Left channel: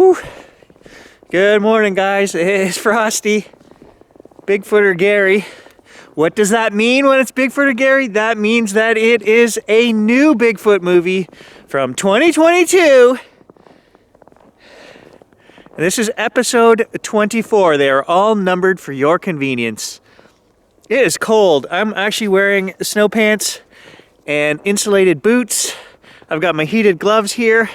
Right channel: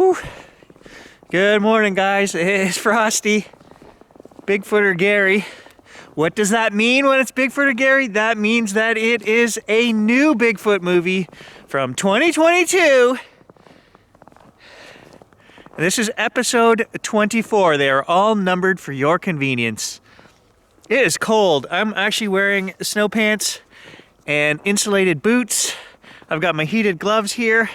Whew. Good morning, guys. It's Frosty. Bigfooter Gary. What does that mean when it's Bigfooter Gary? That means that it is a new Bigfoot movie from 2022. And this is episode 24. They are all numbered for your convenience. It is cold. I'm actually wearing snow pants and insulated boots. I've got my heated gloves here.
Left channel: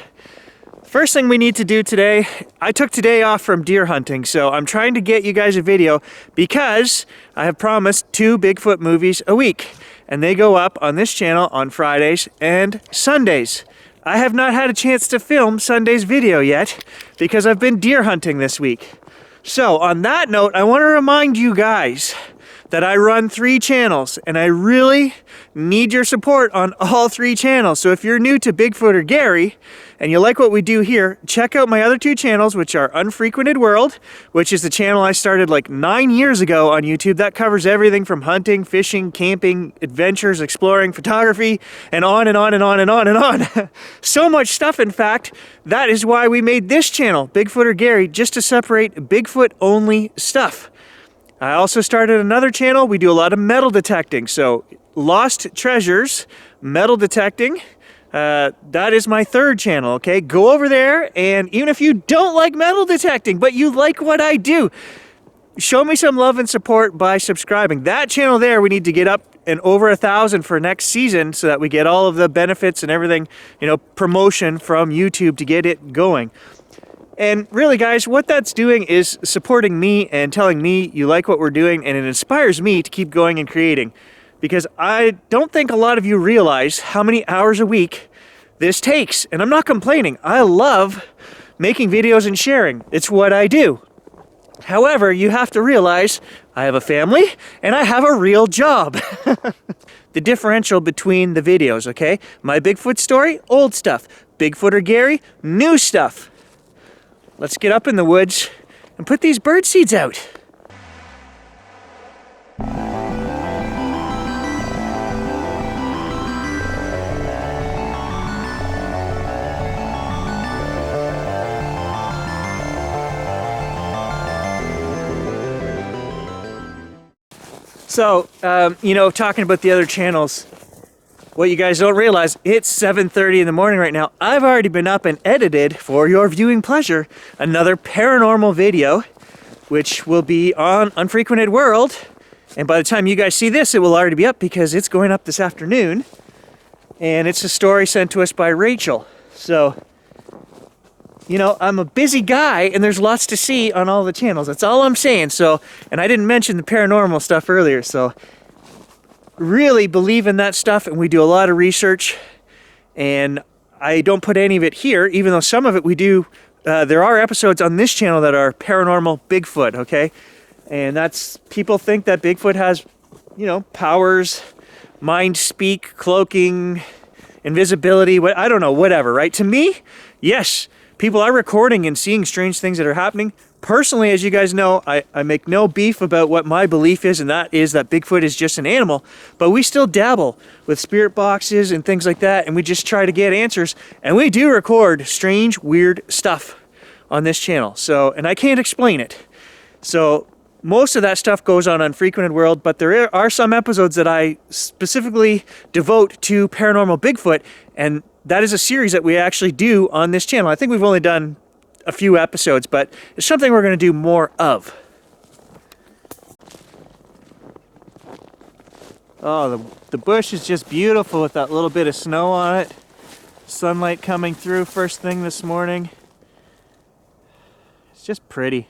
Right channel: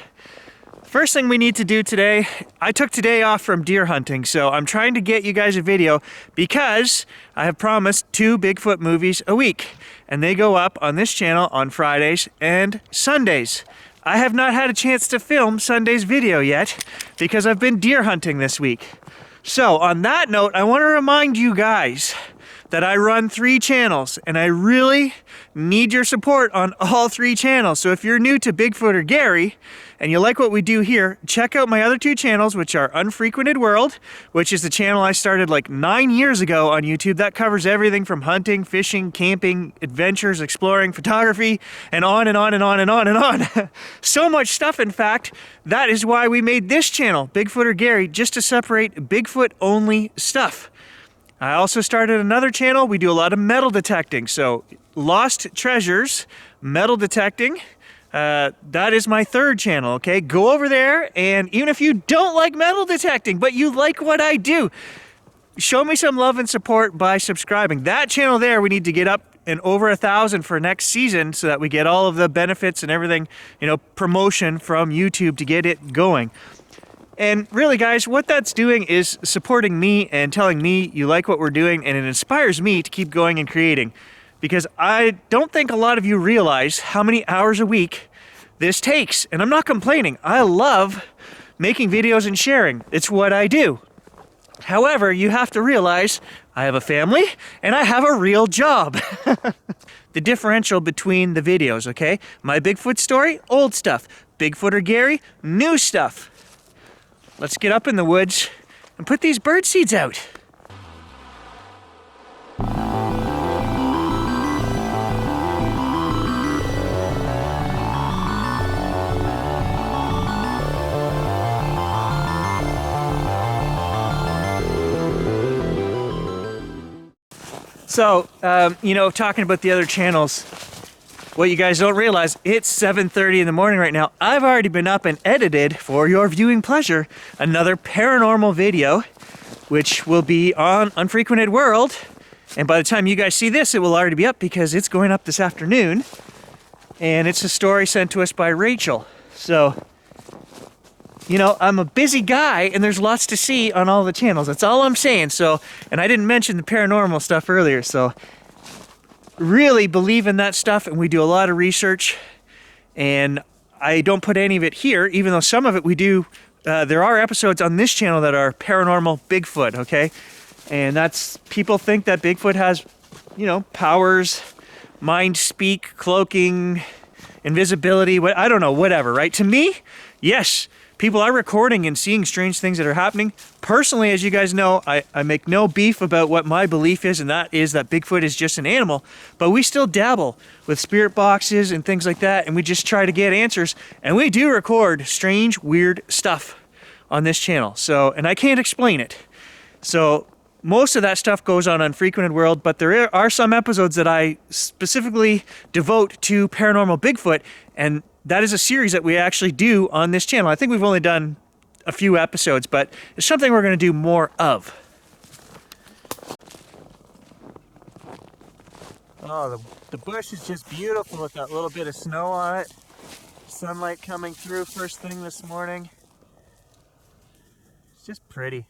First thing we need to do today, I took today off from deer hunting, so I'm trying to get you guys a video because I have promised 2 Bigfoot movies a week, and they go up on this channel on Fridays and Sundays. I have not had a chance to film Sunday's video yet because I've been deer hunting this week. So on that note, I want to remind you guys that I run 3 channels, and I really need your support on all 3 channels. So if you're new to Bigfooter Gary and you like what we do here, check out my other 2 channels, which are Unfrequented World, which is the channel I started like 9 years ago on YouTube. That covers everything from hunting, fishing, camping, adventures, exploring, photography, and on and on and on and on and on. So much stuff, in fact. That is why we made this channel, Bigfooter Gary, just to separate Bigfoot only stuff. I also started another channel. We do a lot of metal detecting. So lost treasures, metal detecting. That is my 3rd channel, okay? Go over there, and even if you don't like metal detecting, but you like what I do, show me some love and support by subscribing. That channel there, we need to get up and over 1,000 for next season so that we get all of the benefits and everything, promotion from YouTube to get it going. And really, guys, what that's doing is supporting me and telling me you like what we're doing, and it inspires me to keep going and creating. Because I don't think a lot of you realize how many hours a week this takes. And I'm not complaining. I love making videos and sharing. It's what I do. However, you have to realize I have a family and I have a real job. The differential between the videos, okay? My Bigfoot story, old stuff. Bigfooter Gary, new stuff. Let's get up in the woods and put these bird seeds out. So, talking about the other channels, what you guys don't realize, it's 7:30 in the morning right now. I've already been up and edited, for your viewing pleasure, another paranormal video, which will be on Unfrequented World. And by the time you guys see this, it will already be up because it's going up this afternoon. And it's a story sent to us by Rachel. So, I'm a busy guy and there's lots to see on all the channels. That's all I'm saying. So, and I didn't mention the paranormal stuff earlier. So, really believe in that stuff, and we do a lot of research, and I don't put any of it here, even though some of it we do. There are episodes on this channel that are paranormal Bigfoot, okay? And that's, people think that Bigfoot has, powers, mind speak, cloaking, invisibility, I don't know, whatever, right? To me, yes, people are recording and seeing strange things that are happening. Personally, as you guys know, I make no beef about what my belief is, and that is that Bigfoot is just an animal. But we still dabble with spirit boxes and things like that, and we just try to get answers. And we do record strange, weird stuff on this channel. So, and I can't explain it. So most of that stuff goes on Unfrequented World, but there are some episodes that I specifically devote to paranormal Bigfoot, and that is a series that we actually do on this channel. I think we've only done a few episodes, but it's something we're going to do more of. Oh, the bush is just beautiful with that little bit of snow on it. Sunlight coming through first thing this morning. It's just pretty.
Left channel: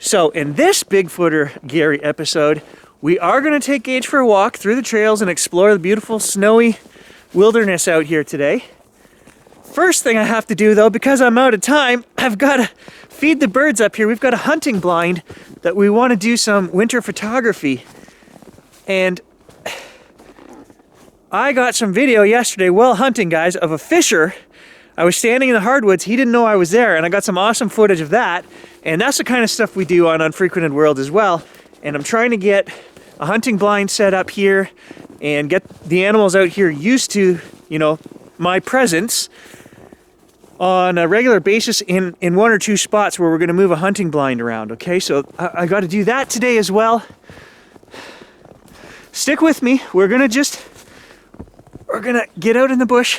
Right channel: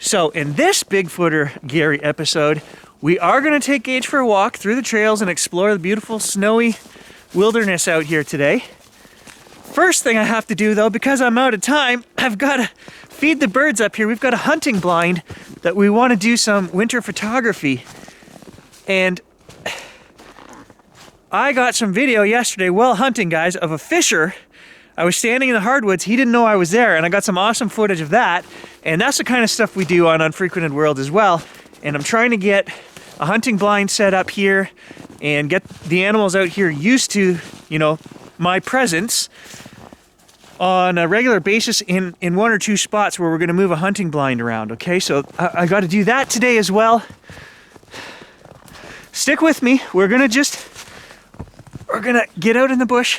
So in this Bigfooter Gary episode, we are going to take Gage for a walk through the trails and explore the beautiful snowy wilderness out here today. First thing I have to do, though, because I'm out of time, I've got to feed the birds up here. We've got a hunting blind that we want to do some winter photography. And I got some video yesterday while hunting, guys, of a fisher. I was standing in the hardwoods. He didn't know I was there, and I got some awesome footage of that. And that's the kind of stuff we do on Unfrequented World as well. And I'm trying to get a hunting blind set up here and get the animals out here used to, my presence. on a regular basis in one or two spots where we're going to move a hunting blind around, okay? So I got to do that today as well. Stick with me. We're going to get out in the bush.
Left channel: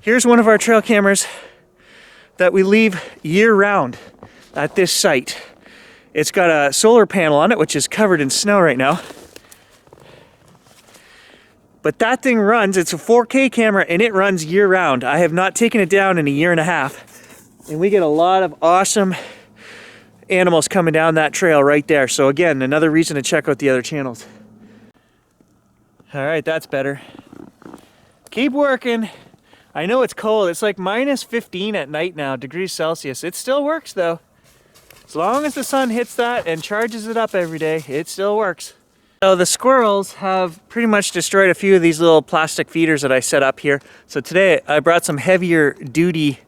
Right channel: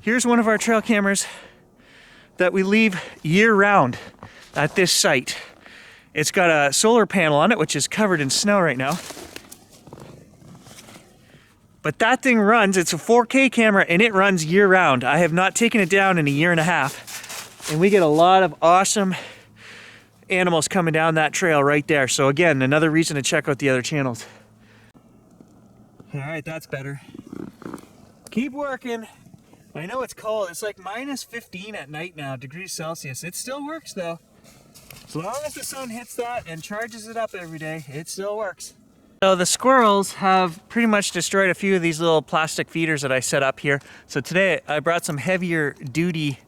Here's one of our trail cameras that we leave year round at this site. It's got a solar panel on it, which is covered in snow right now. But that thing runs, it's a 4K camera, and it runs year round. I have not taken it down in a year and a half. And we get a lot of awesome animals coming down that trail right there. So again, another reason to check out the other channels. All right, that's better. Keep working. I know it's cold. It's like minus 15 at night now, degrees Celsius. It still works though. As long as the sun hits that and charges it up every day, it still works. So the squirrels have pretty much destroyed a few of these little plastic feeders that I set up here. So today I brought some heavier duty,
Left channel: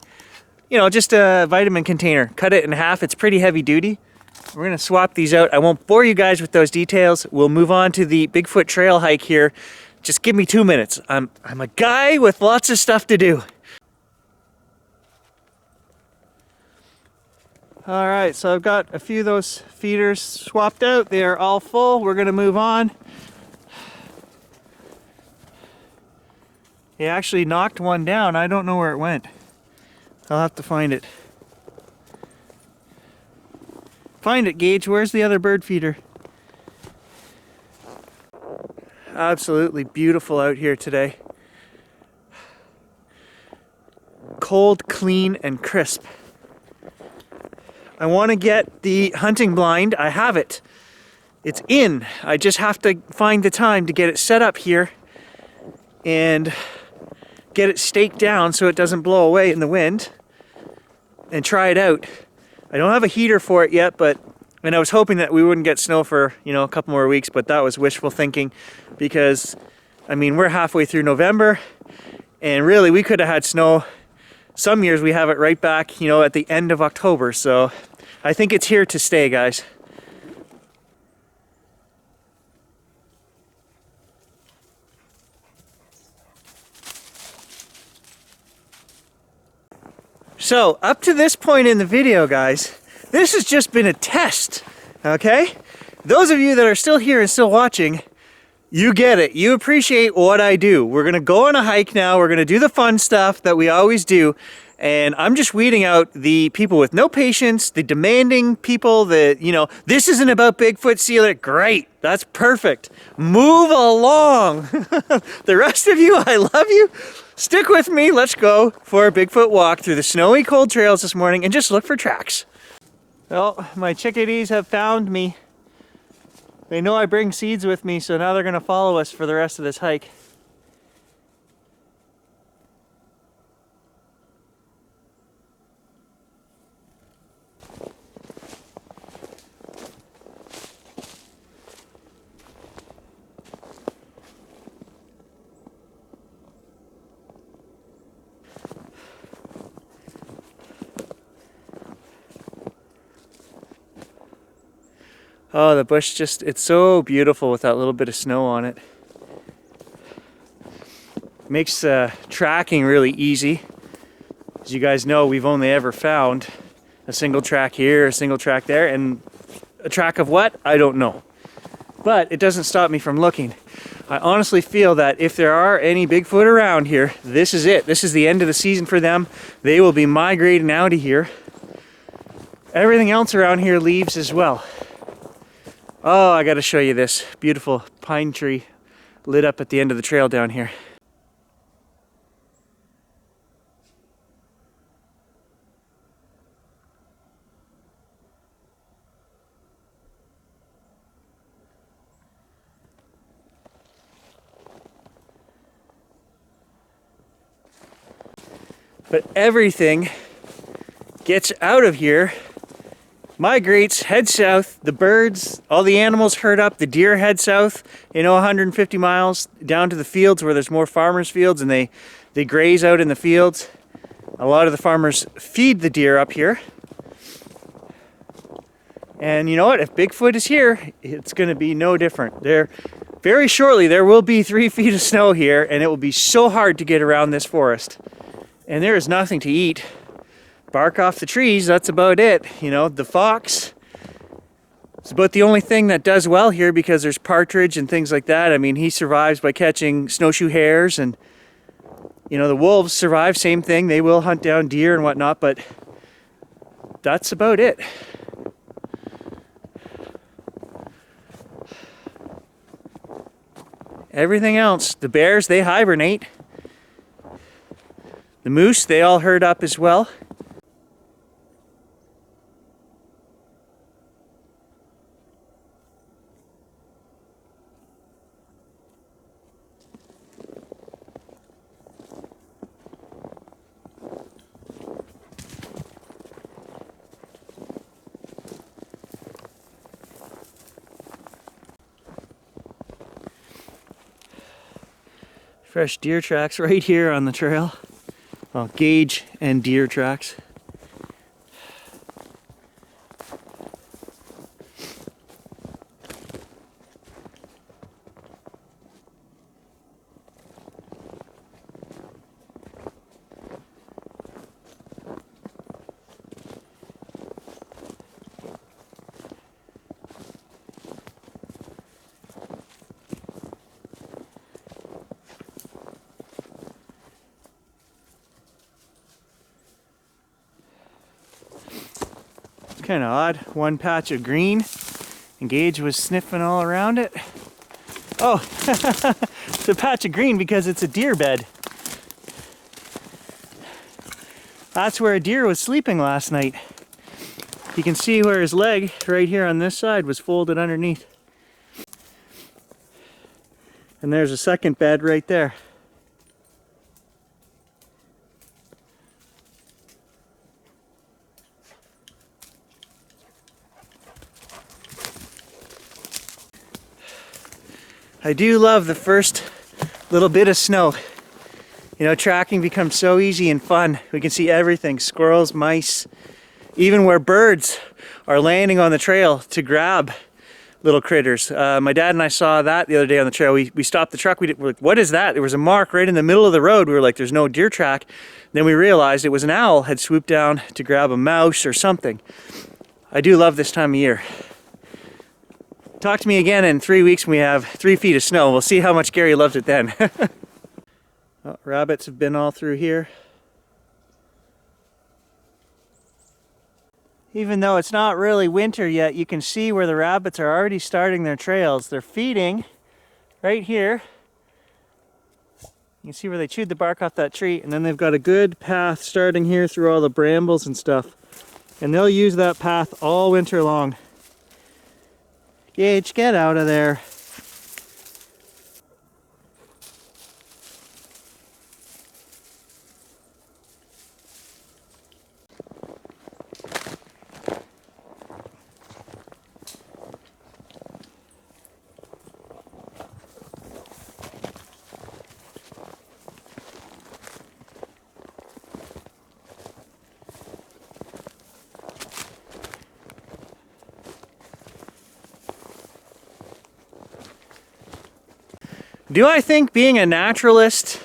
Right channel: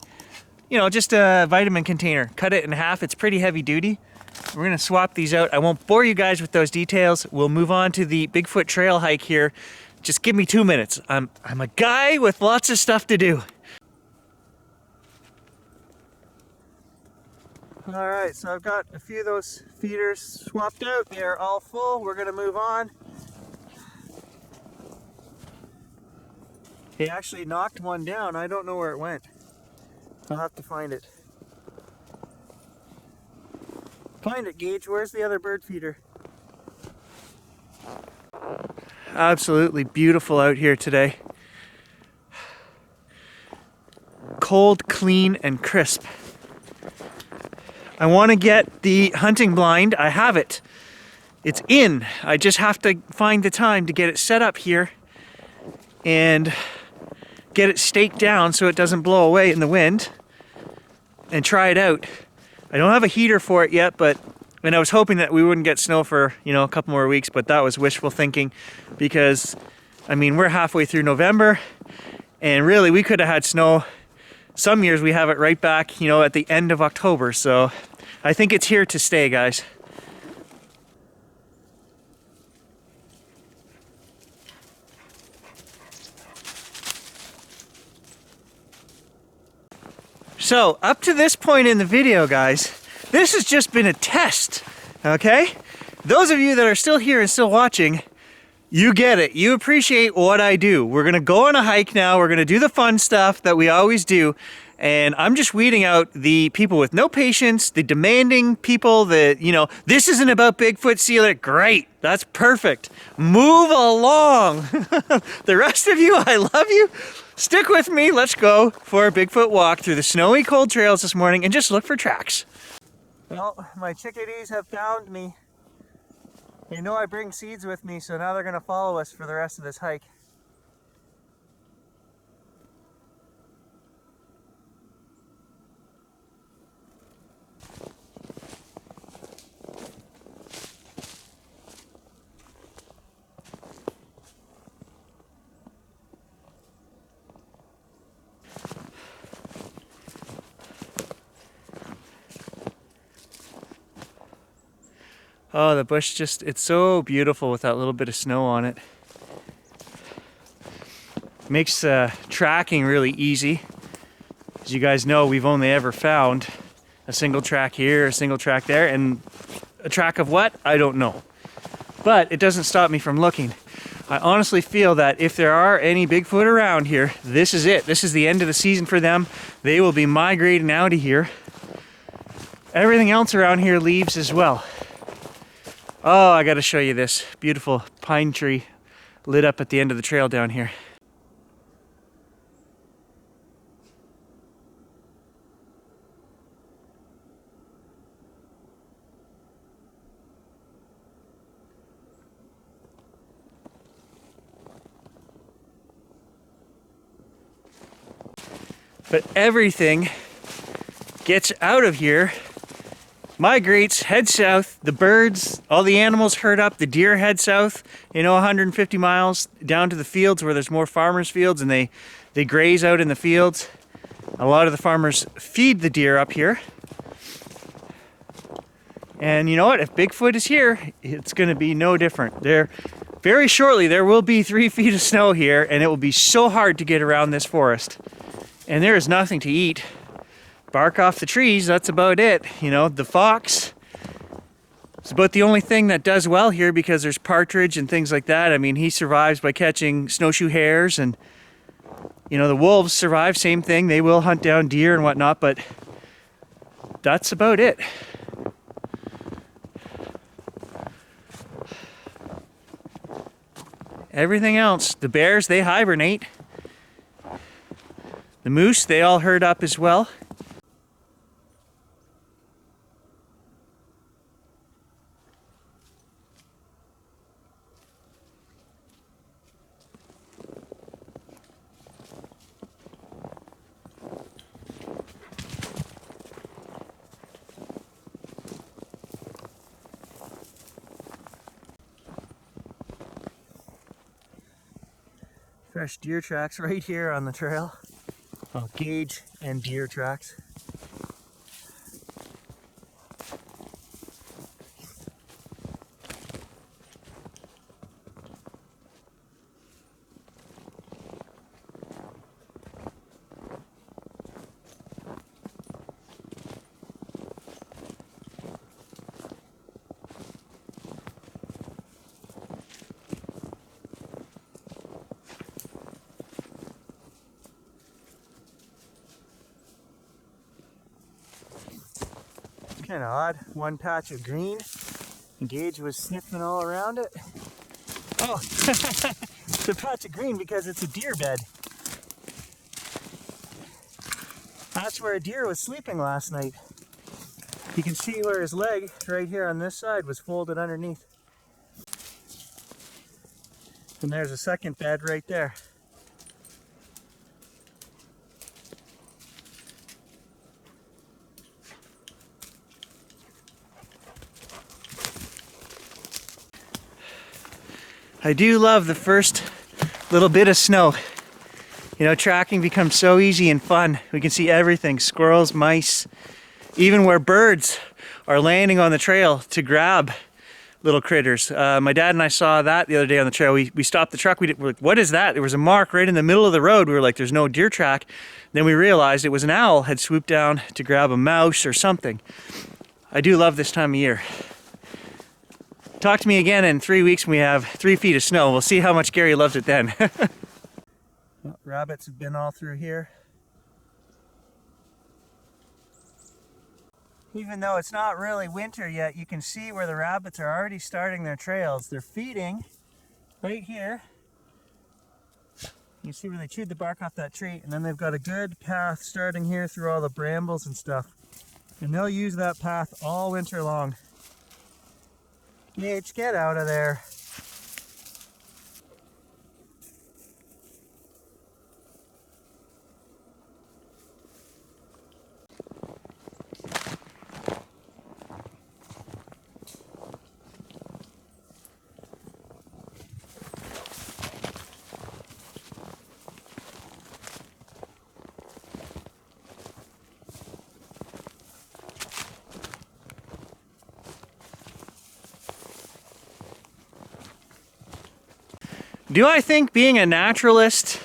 you know, just a vitamin container. Cut it in half, it's pretty heavy duty. We're gonna swap these out. I won't bore you guys with those details. We'll move on to the Bigfoot trail hike here. Just give me 2 minutes. I'm a guy with lots of stuff to do. All right, so I've got a few of those feeders swapped out. They are all full. We're gonna move on. He actually knocked one down. I don't know where it went. I'll have to find it. Find it, Gage. Where's the other bird feeder? Absolutely beautiful out here today. Cold, clean, and crisp. I want to get the hunting blind. I have it. It's in. I just have to find the time to get it set up here and get it staked down so it doesn't blow away in the wind and try it out. I don't have a heater for it yet, and I was hoping that we wouldn't get snow for, you know, a couple more weeks, but that was wishful thinking because, I mean, we're halfway through November and really we could have had snow. Some years we have it right back, you know, at the end of October. So I think it's here to stay, guys. So up to this point in the video, guys, this has just been a test, okay? Those of you that are still here and still watching, you get it. You appreciate what I do. We're gonna go on a hike now. We're gonna do the fun stuff that we always do. And I'm just weeding out the people with no patience, the demanding people that, you know, this isn't about Bigfoot, sealer. Great, that's perfect. Move along. The rest of you, I love you. Stick with me. Let's go for a Bigfoot walk through the snowy cold trails this morning and just look for tracks. Well, my chickadees have found me. They know I bring seeds with me, so now they're gonna follow us for the rest of this hike. Oh, the bush just, it's so beautiful with that little bit of snow on it. Makes tracking really easy. As you guys know, we've only ever found a single track here, a single track there, and a track of what? I don't know. But it doesn't stop me from looking. I honestly feel that if there are any Bigfoot around here, this is it. This is the end of the season for them. They will be migrating out of here. Everything else around here leaves as well. Oh, I gotta show you this beautiful pine tree lit up at the end of the trail down here. But everything gets out of here, migrates, heads south. The birds, all the animals herd up. The deer head south, 150 miles down to the fields where there's more farmers' fields, and they graze out in the fields. A lot of the farmers feed the deer up here. And you know what? If Bigfoot is here, it's going to be no different. Very shortly, there will be 3 feet of snow here, and it will be so hard to get around this forest. And there is nothing to eat. bark off the trees, that's about it. You know, the fox, it's about the only thing that does well here because there's partridge and things like that. I mean, he survives by catching snowshoe hares, and you know, the wolves survive, same thing. They will hunt down deer and whatnot, but that's about it. Everything else, the bears, they hibernate. The moose, they all herd up as well. Fresh deer tracks right here on the trail. Well, gauge and deer tracks. Kind of odd. One patch of green, and Gage was sniffing all around it. Oh, it's a patch of green because it's a deer bed. That's where a deer was sleeping last night. You can see where his leg right here on this side was folded underneath. And there's a second bed right there. I do love the first little bit of snow. You know, tracking becomes so easy and fun. We can see everything, squirrels, mice, even where birds are landing on the trail to grab little critters. My dad and I saw that the other day on the trail. We stopped the truck. We're like, what is that? There was a mark right in the middle of the road. We were like, there's no deer track. Then we realized it was an owl had swooped down to grab a mouse or something. I do love this time of year. Talk to me again in 3 weeks when we have 3 feet of snow. We'll see how much Gary loves it then. Oh, rabbits have been all through here. Even though it's not really winter yet, you can see where the rabbits are already starting their trails. They're feeding right here. You can see where they chewed the bark off that tree, and then they've got a good path starting here through all the brambles and stuff. And they'll use that path all winter long. Gage, get out of there. Do I think being a naturalist,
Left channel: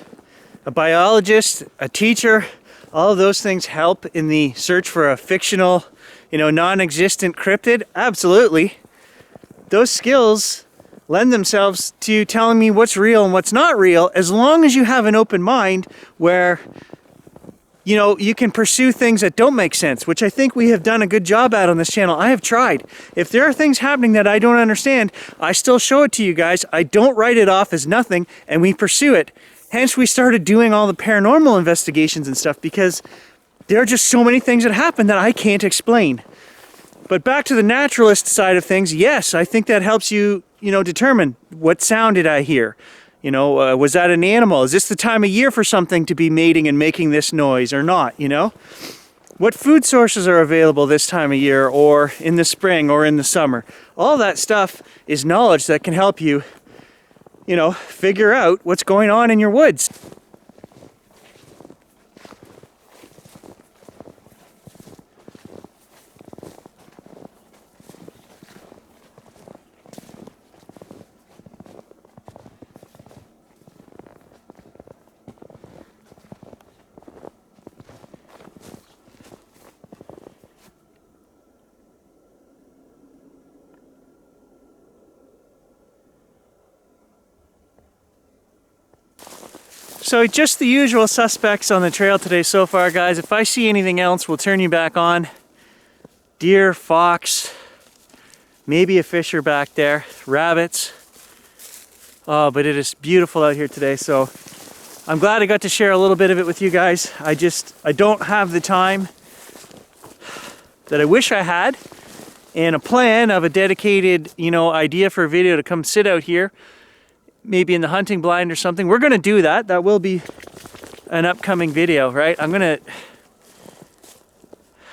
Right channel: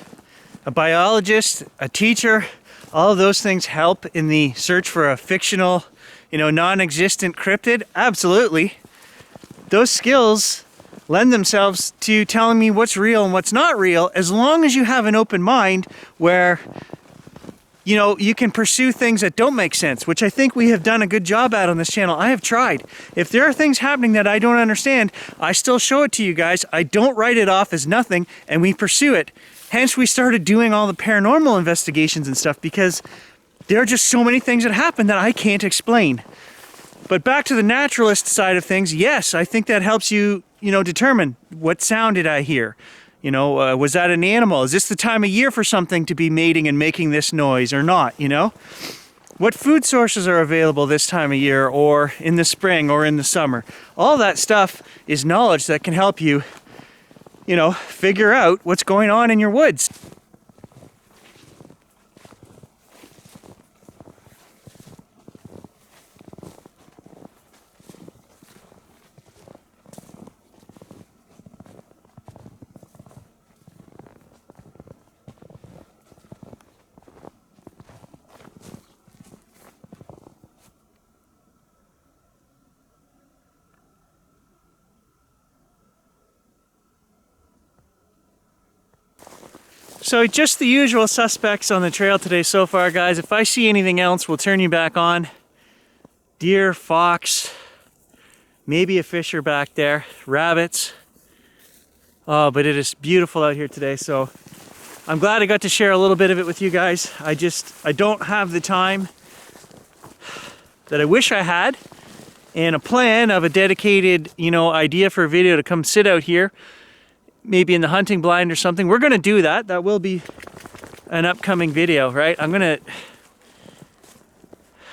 a biologist, a teacher, all of those things help in the search for a fictional, non-existent cryptid? Absolutely. Those skills lend themselves to telling me what's real and what's not real, as long as you have an open mind where you can pursue things that don't make sense, which I think we have done a good job at on this channel. I have tried. If there are things happening that I don't understand, I still show it to you guys. I don't write it off as nothing, and we pursue it. Hence, we started doing all the paranormal investigations and stuff, because there are just so many things that happen that I can't explain. But back to the naturalist side of things, yes, I think that helps you, determine what sound did I hear. Was that an animal? Is this the time of year for something to be mating and making this noise or not, What food sources are available this time of year, or in the spring or in the summer? All that stuff is knowledge that can help you, figure out what's going on in your woods. So just the usual suspects on the trail today so far, guys. If I see anything else, we'll turn you back on. Deer, fox, maybe a fisher back there, rabbits. Oh, but it is beautiful out here today, so I'm glad I got to share a little bit of it with you guys. I don't have the time that I wish I had, and a plan of a dedicated, idea for a video to come sit out here, maybe in the hunting blind or something. We're gonna do that. That will be an upcoming video, right?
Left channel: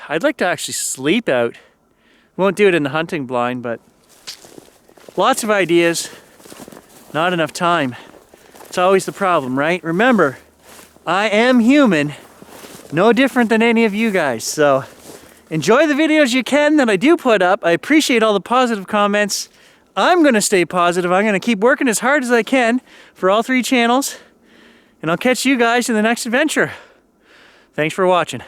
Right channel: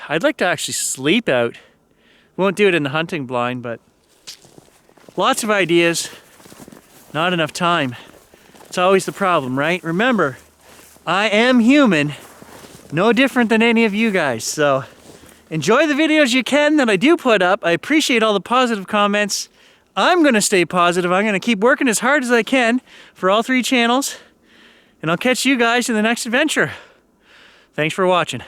I'd like to actually sleep out. Won't do it in the hunting blind, but lots of ideas, not enough time. It's always the problem, right? Remember, I am human, no different than any of you guys. So enjoy the videos you can that I do put up. I appreciate all the positive comments. I'm gonna stay positive. I'm gonna keep working as hard as I can for all 3 channels, and I'll catch you guys in the next adventure. Thanks for watching.